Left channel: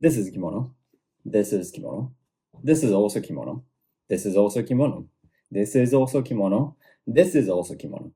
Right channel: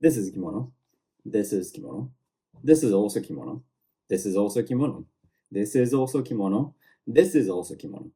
This is kimono. This is kimono. This is also kimono. This is also kimono. This is also kimono. This is also kimono.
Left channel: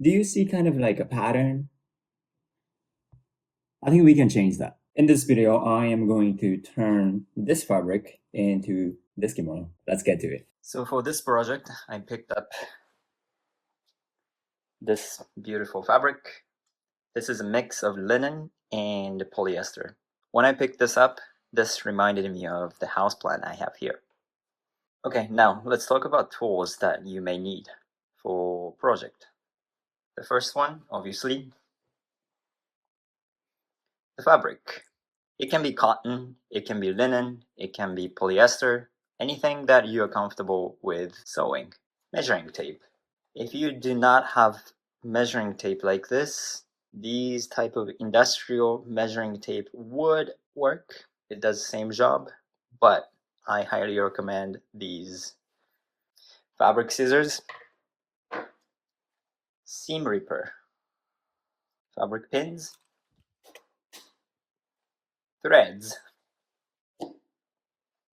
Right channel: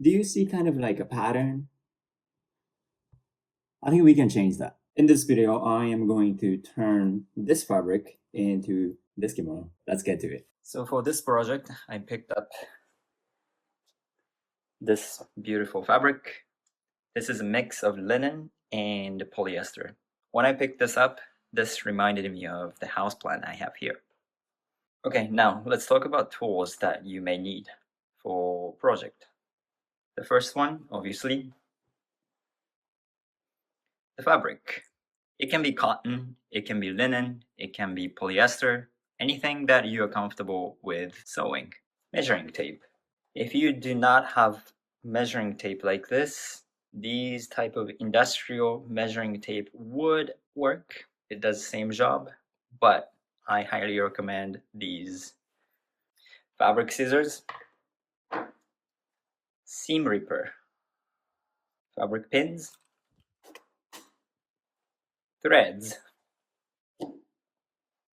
Do you see kind of like a pattern? I think we can change that. In this video, I am going to turn this fabric into this kimono. Let's get to it. So for this project, I picked up this beautiful fabric. This is a mix of linen and polyester. When I picked this up, this reminded me of the houseplant I have here. Okay, now let's talk about tools that you may need for project. The first one, obviously, the fabric. It can be cotton, it can be linen, it can be polyester, anything that you are comfortable with sewing. Measuring tape. If you do not have measuring tape like this, these type of industrial measuring tape would work. It does the same job, but I highly recommend these fabric scissors, seam ripper, fabric pins, threads.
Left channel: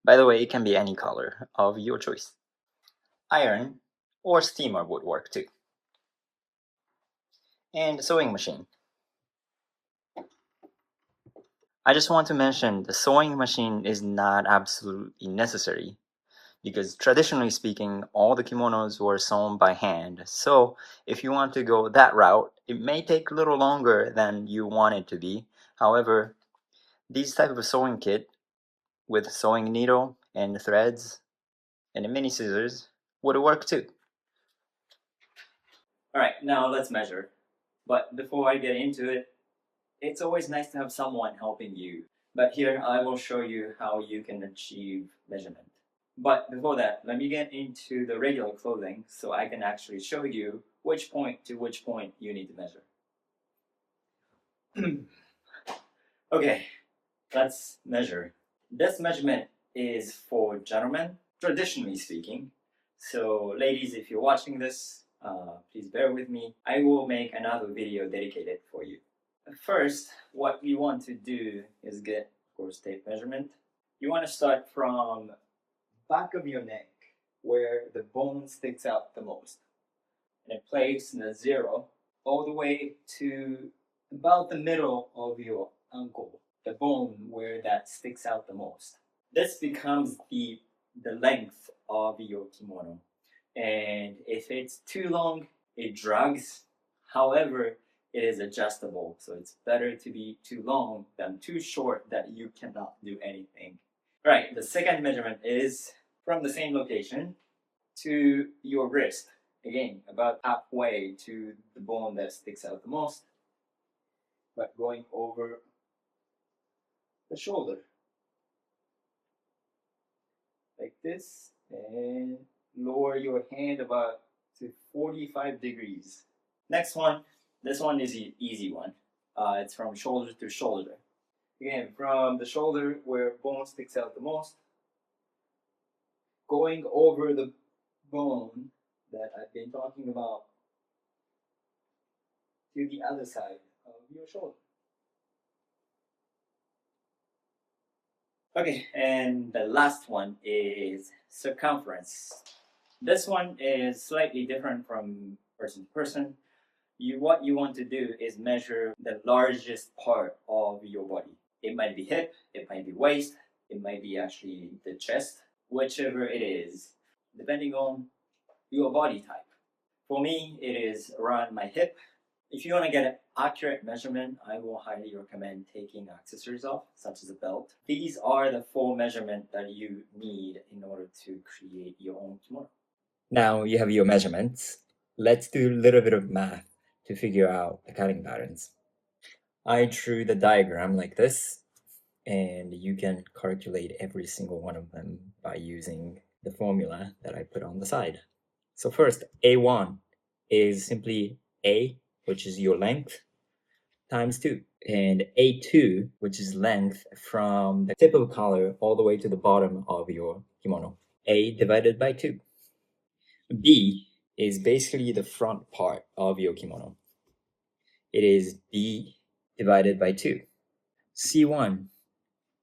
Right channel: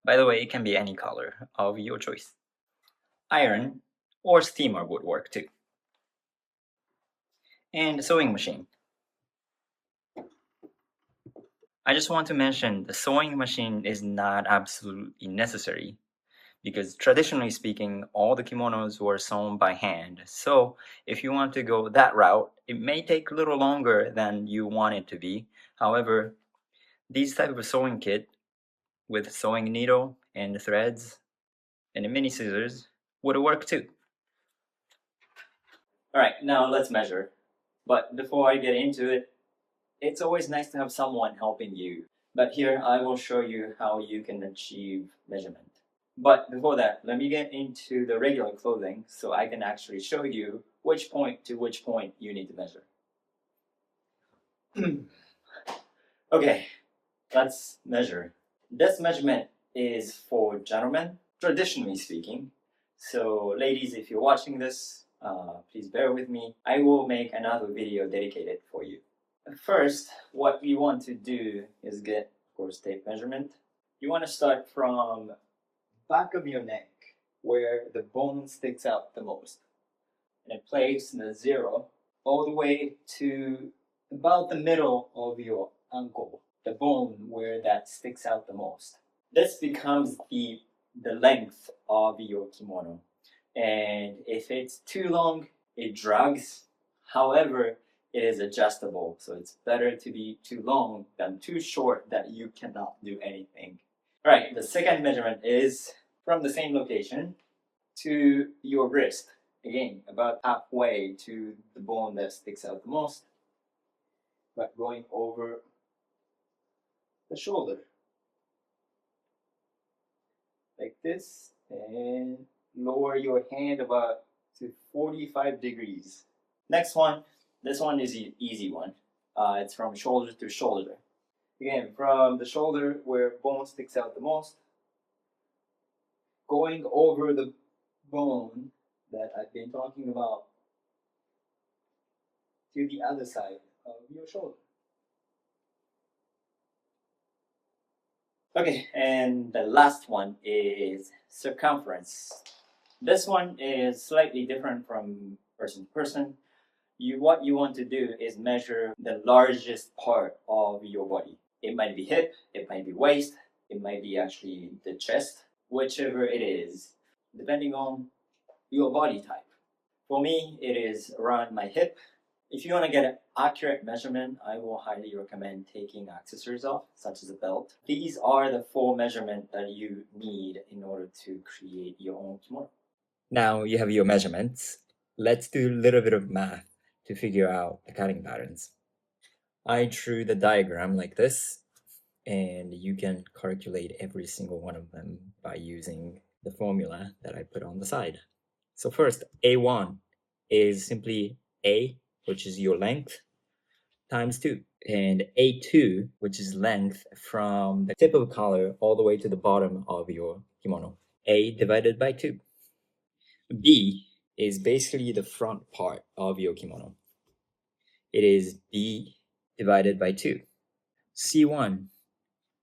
By the way, it can be any color of your choice. Iron or steamer would work too. And sewing machine. I just want to mention the sewing machine is not absolutely necessary because traditionally speaking, all the kimonos were sewn by hand. So if you want to go that route, it may take a little longer than you want it to be. However, these type of sewing kit with sewing needle and threads and mini scissors would work too. All right, now let's measure. But before I get into it, it's always nice to have someone helping you. But here I will show you how you can achieve measurement. But before that, let me get into the regular clothing so I can actually show you which point to which point you need to measure. Okay, let's measure. This measurement is for gentlemen, traditionally speaking. So ladies, if you're watching this, please bear with me. I will make another video dedicated for you. First, what you want to do is get, of course, tape measurement. You want to start from back of your neck, where the bone sticks out the most, and place the 0 all the way to about the middle of your ankle, the bone where that sticks out the most. This becomes the length of your kimono, and if it's too long, it drags. However, it is adjustable, so it's better to be too long than too short that you cannot do anything. All right, the second measurement is from the same location to your wrist. Again, about halfway to the bone that sticks out the most, but going over the shoulder. Like this, and lower your hand about to 45 degrees. Next one, this one is the easy one. It's from shoulder to shoulder. Again, from the shoulder where bone sticks out the most, going over the bone that I've been talking about to the other side of your shoulder. Okay, and the last one is circumference. This one is slightly different from person to person. What you want to do is measure the largest part of your body. It might be hip, it might be waist, it might be actually the chest, whichever it is, depending on your body type. For me, it is around my hip. If you want to get an accurate measurement, I will highly recommend taking accessories off, such as a belt. These are the 4 measurements that you need in order to create your own kimono. Now you have your measurements. Let's do a little bit of math to figure out the cutting patterns. I drew the diagram like this, and you can calculate every single one of them by using the formula that I put on the side. So first, A1 is simply A, which is your length, times 2. And A2, which is length from the tip of the collar all the way to the bottom of your kimono. A divided by 2. B is basically the front part of your kimono. It is B divided by 2. C1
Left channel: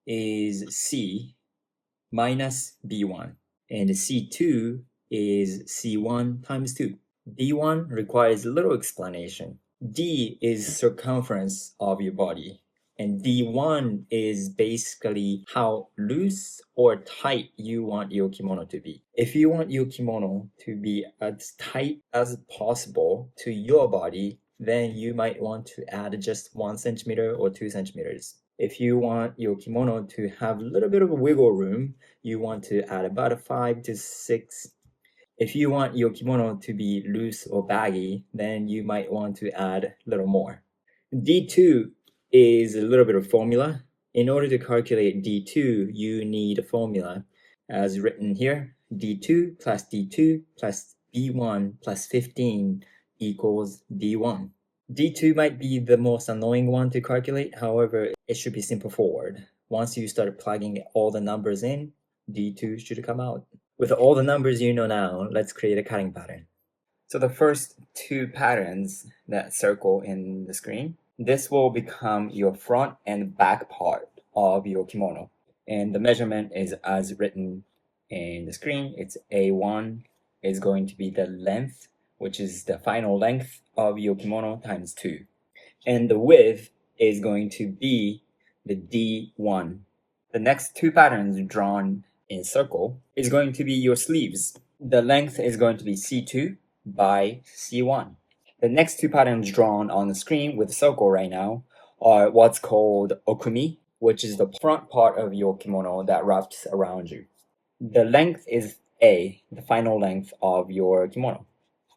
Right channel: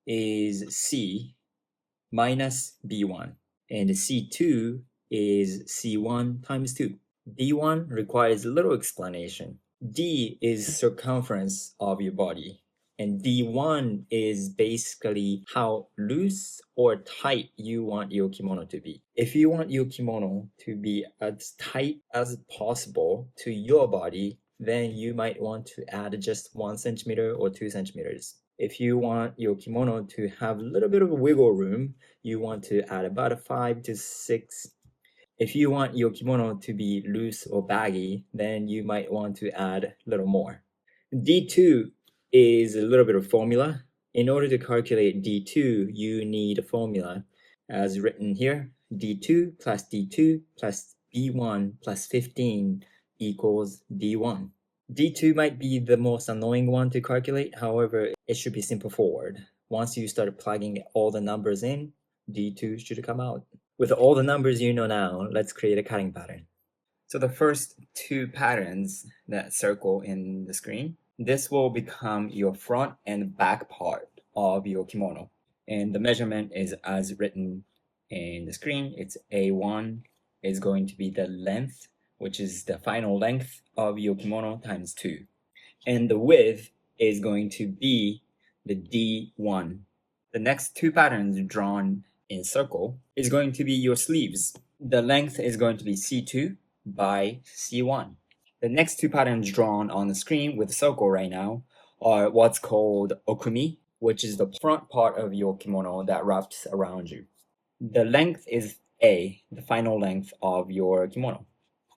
is C minus B1, and C2 is C1 times 2. D1 requires little explanation. D is circumference of your body, and D1 is basically how loose or tight you want your kimono to be. If you want your kimono to be as tight as possible to your body, then you might want to add just 1 centimeter or 2 centimeters. If you want your kimono to have a little bit of wiggle room, you want to add about a 5 to 6. If you want your kimono to be loose or baggy, then you might want to add a little more. D2 is a little bit of formula. In order to calculate D2, you need a formula as written here. D2 plus D2 plus B1 plus 15 equals D1. D2 might be the most annoying one to calculate. However, it should be simple forward. Once you start plugging all the numbers in, D2 should come out. With all the numbers you know now, let's create a cutting pattern. So the first two patterns that circle in the screen, this will become your front and back part of your kimono. And the measurement is as written in the screen. It's A1 is going to be the length, which is the final length of your kimono times 2. And the width is going to be the D1. The next two patterns drawn in circle is going to be your sleeves. The length is going to be C2 by C1. The next two patterns drawn on the screen with a circle right now are what's called okumi, which is the front part of your kimono that wraps around you. The length is A, the final length of your kimono.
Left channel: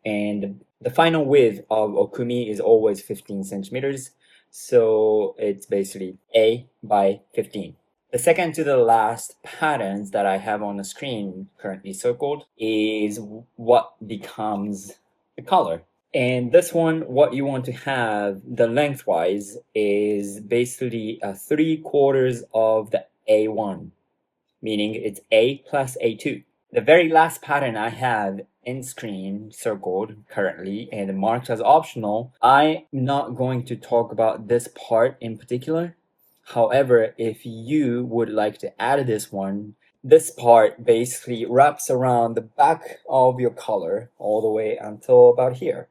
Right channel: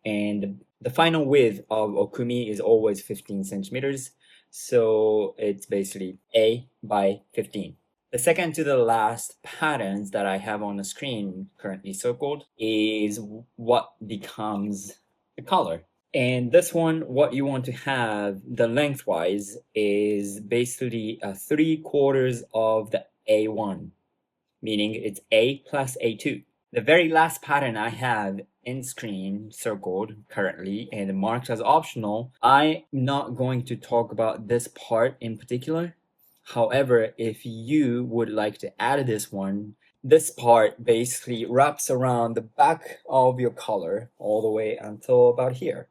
And the final width of okumi is always 15 centimeters. So it's basically A by 15. The second to the last patterns that I have on the screen currently circled is what becomes the collar. And this one, what you want to have the lengthwise is basically 3/4 of the A1, meaning it's A plus A2. The very last pattern I have in screen circled currently and marked as optional, I'm not going to talk about this part in particular. However, if you would like to add this one, this part basically wraps around the back of your collar all the way until about here.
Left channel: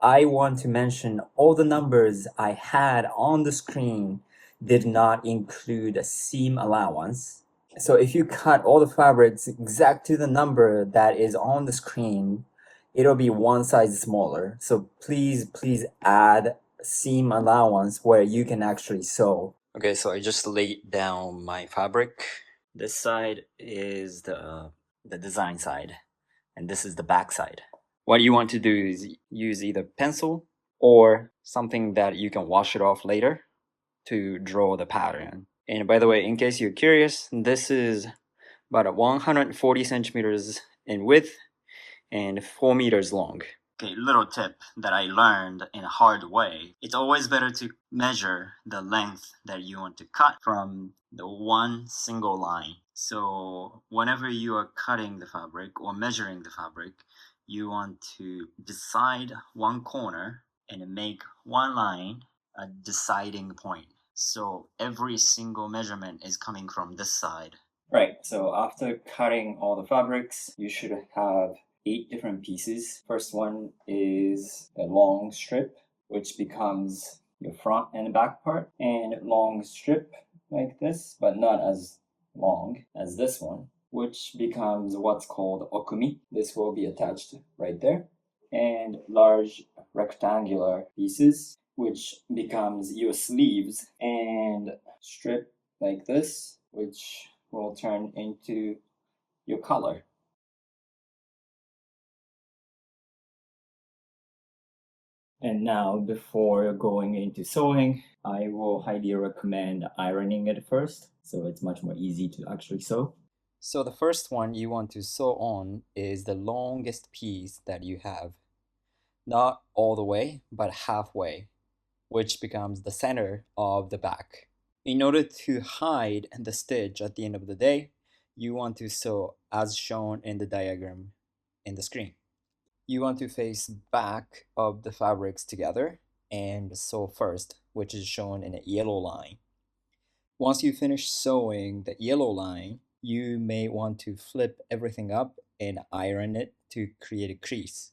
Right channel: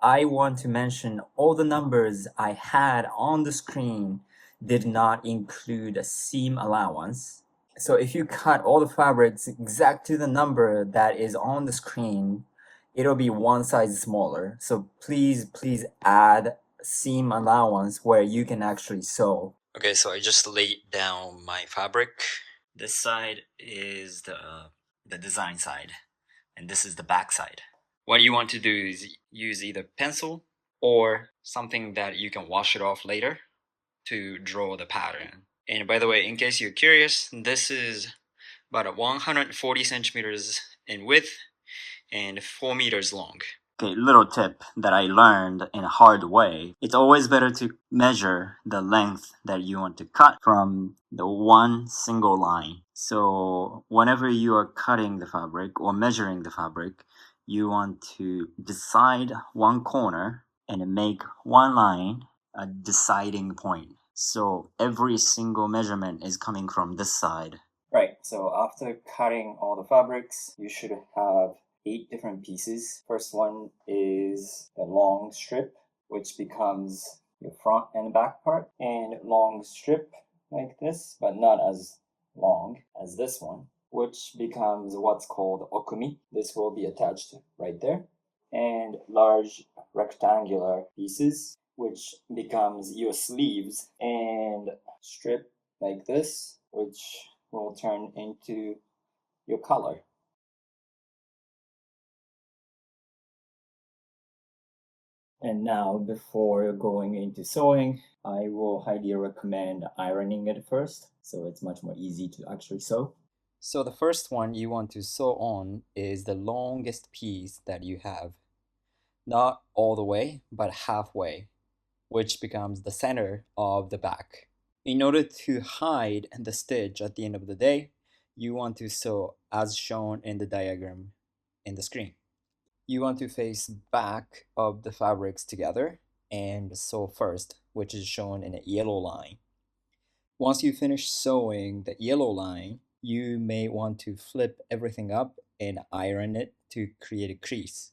I want to mention all the numbers I had on the screen did not include a seam allowance. So if you cut all the fabrics exact to the number that is on the screen, it'll be one size smaller. So please add seam allowance where you can actually sew. Okay, so I just laid down my fabric. This side is the design side, and this is the back side. What you want to do is use either pencil or something that you can wash it off later to draw the pattern. And by the way, in case you're curious, this is about 140 centimeters in width and 4 meters long. Okay, little tip that I learned in a hard way. It's always better to measure the length that you want to cut from the one single line. So whenever you are cutting the fabric or measuring the fabric, you want to decide one corner and make one line a deciding point. So every single measurement is coming from this side. Right, so after cutting all the fabrics, you should have 8 different pieces. First one is the long strip, which becomes your front and back part, and long strip like this, but not as long as this one, which becomes what's called okumi. This will be attached right there. And large rectangular pieces, which becomes your sleeves, and strip like this, which will turn into your collar. And now, before going into sewing, I will highly recommend ironing it first, so it's much more easy to actually sew. So the first one you want to sew on is the longest piece that you have. Not all the way, but halfway, which becomes the center of the back. In order to hide the stitch at the end of the day, you want to sew as shown in the diagram in the screen. You want to face back of the fabrics together and sew first, which is shown in a yellow line. Once you finish sewing the yellow line, you may want to flip everything up and iron it to create a crease,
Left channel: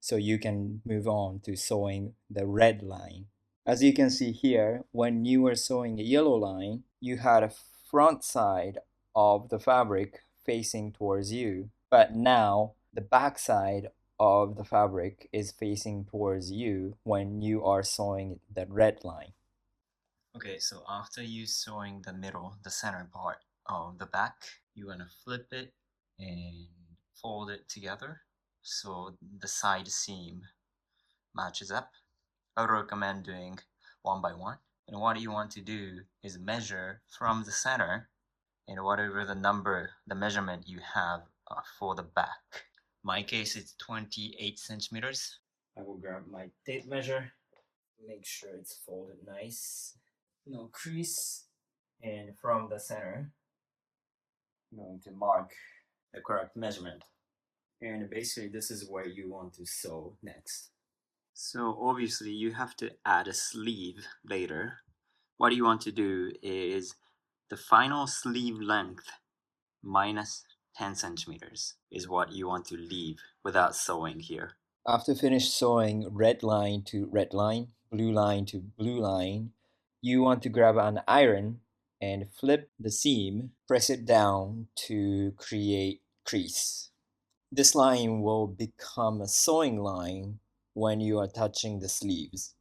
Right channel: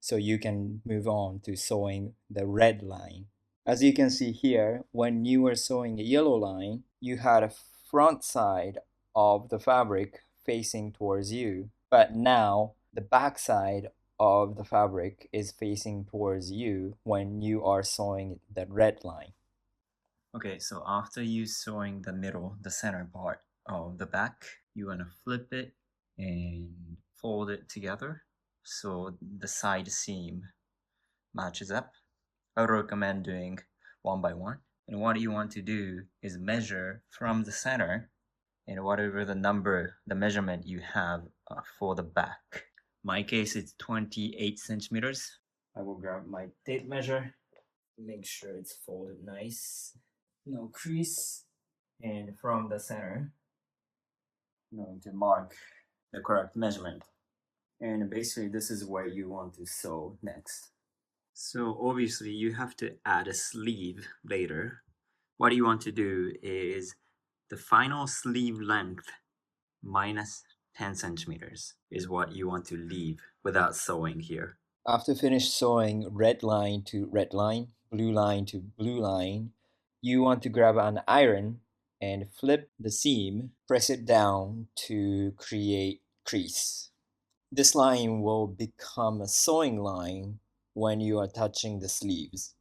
so you can move on to sewing the red line. As you can see here, when you were sewing a yellow line, you had a front side of the fabric facing towards you, but now the back side of the fabric is facing towards you when you are sewing the red line. Okay, so after you sewing the middle, the center part of the back, you want to flip it and fold it together so the side seam matches up. I would recommend doing one by one. And what you want to do is measure from the center and whatever the measurement you have for the back. My case, it's 28 centimeters. I will grab my tape measure, make sure it's folded nice, no crease, and from the center, I'm going to mark the correct measurement. And basically, this is where you want to sew next. So obviously, you have to add a sleeve later. What you want to do is the final sleeve length minus 10 centimeters is what you want to leave without sewing here. After finish sewing red line to red line, blue line to blue line, you want to grab an iron and flip the seam, press it down to create crease. This line will become a sewing line when you are touching the sleeves.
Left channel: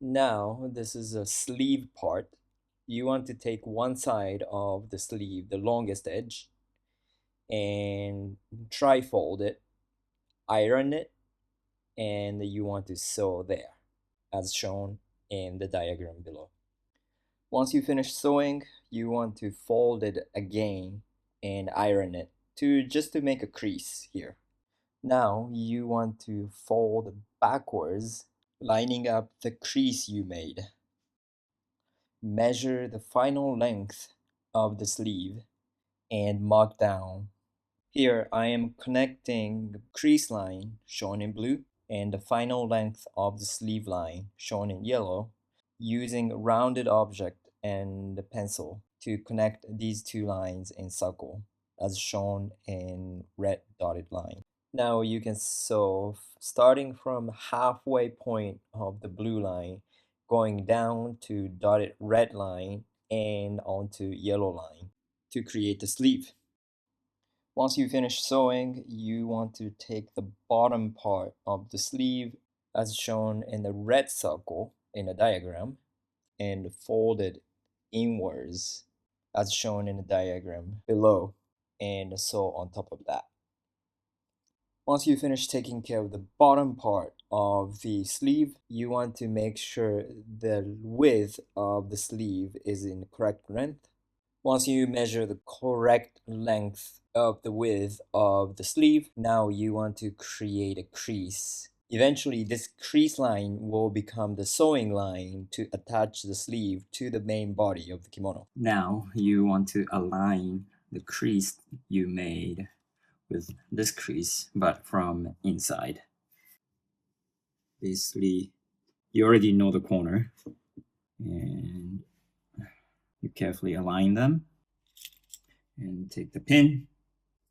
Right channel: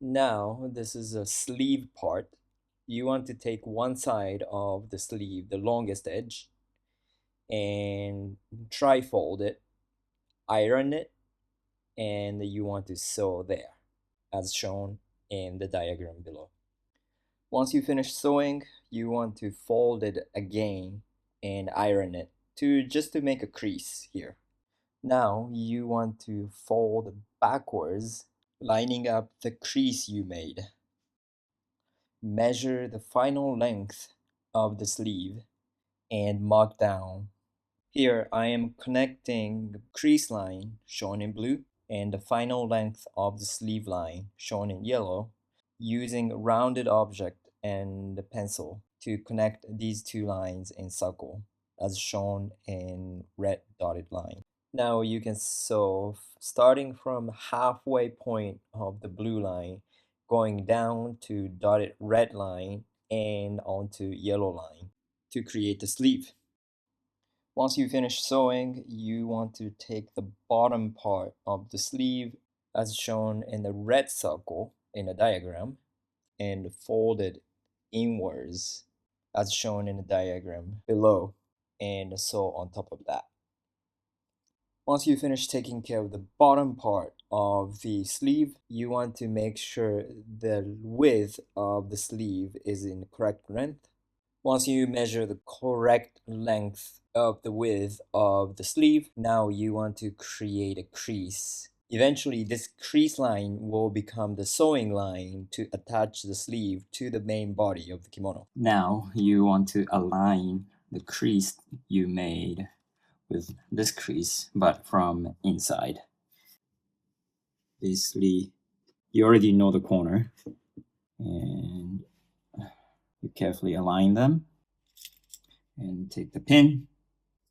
Now, this is a sleeve part. You want to take one side of the sleeve, the longest edge, and tri-fold it, iron it, and you want to sew there, as shown in the diagram below. Once you finish sewing, you want to fold it again and iron it just to make a crease here. Now you want to fold backwards, lining up the crease you made. Measure the final length of the sleeve and mark down. Here I am connecting the crease line, shown in blue, and the final length of the sleeve line, shown in yellow, using a rounded object and a pencil to connect these two lines in circle, as shown in red dotted line. Now you can sew starting from halfway point of the blue line, going down to dotted red line and onto yellow line to create the sleeve. Once you finish sewing, you want to take the bottom part of the sleeve as shown in the red circle in the diagram and fold it inwards as shown in the diagram below and sew on top of that. Once you finish taking care of the bottom part of the sleeve, you want to make sure the width of the sleeve is in correct length. Once you measure the correct length of the width of the sleeve, now you want to create a crease. Eventually, this crease line will become the sewing line to attach the sleeve to the main body of the kimono. Now you want to align the crease you made with this crease, but from inside. Basically, you already know the corner, and you carefully align them and take the pin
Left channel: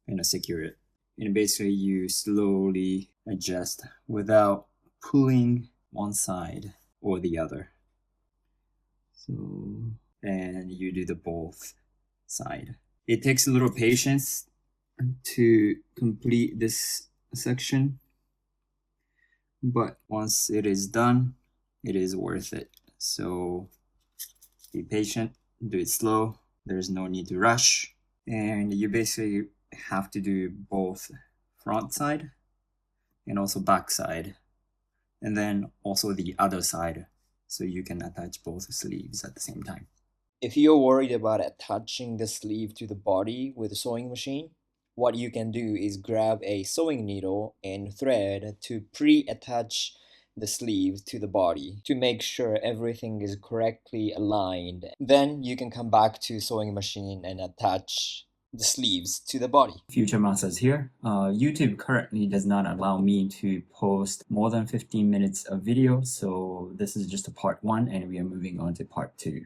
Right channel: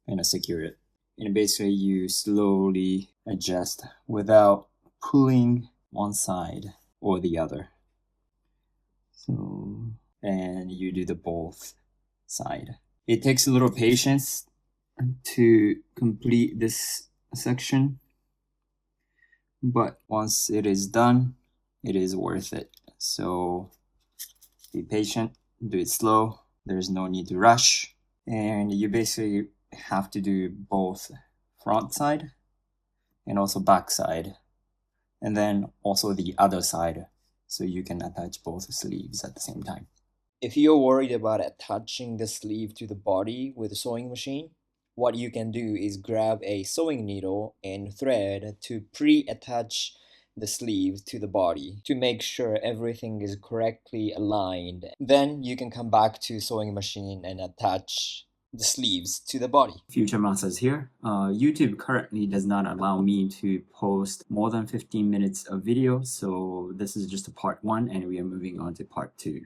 and secure it. And basically, you slowly adjust without pulling one side or the other. So, and you do the both side. It takes a little patience to complete this section, but once it is done, it is worth it. So be patient, do it slow. There's no need to rush. And you basically have to do both front side and also back side, and then also the other side, so you can attach both sleeves at the same time. If you're worried about attaching the sleeve to the body with a sewing machine, what you can do is grab a sewing needle and thread to pre-attach the sleeve to the body to make sure everything is correctly aligned. Then you can come back to sewing machine and attach the sleeves to the body. Future Masters here. YouTube currently does not allow me to post more than 15 minutes of video, so this is just a part 1 and we are moving on to part 2.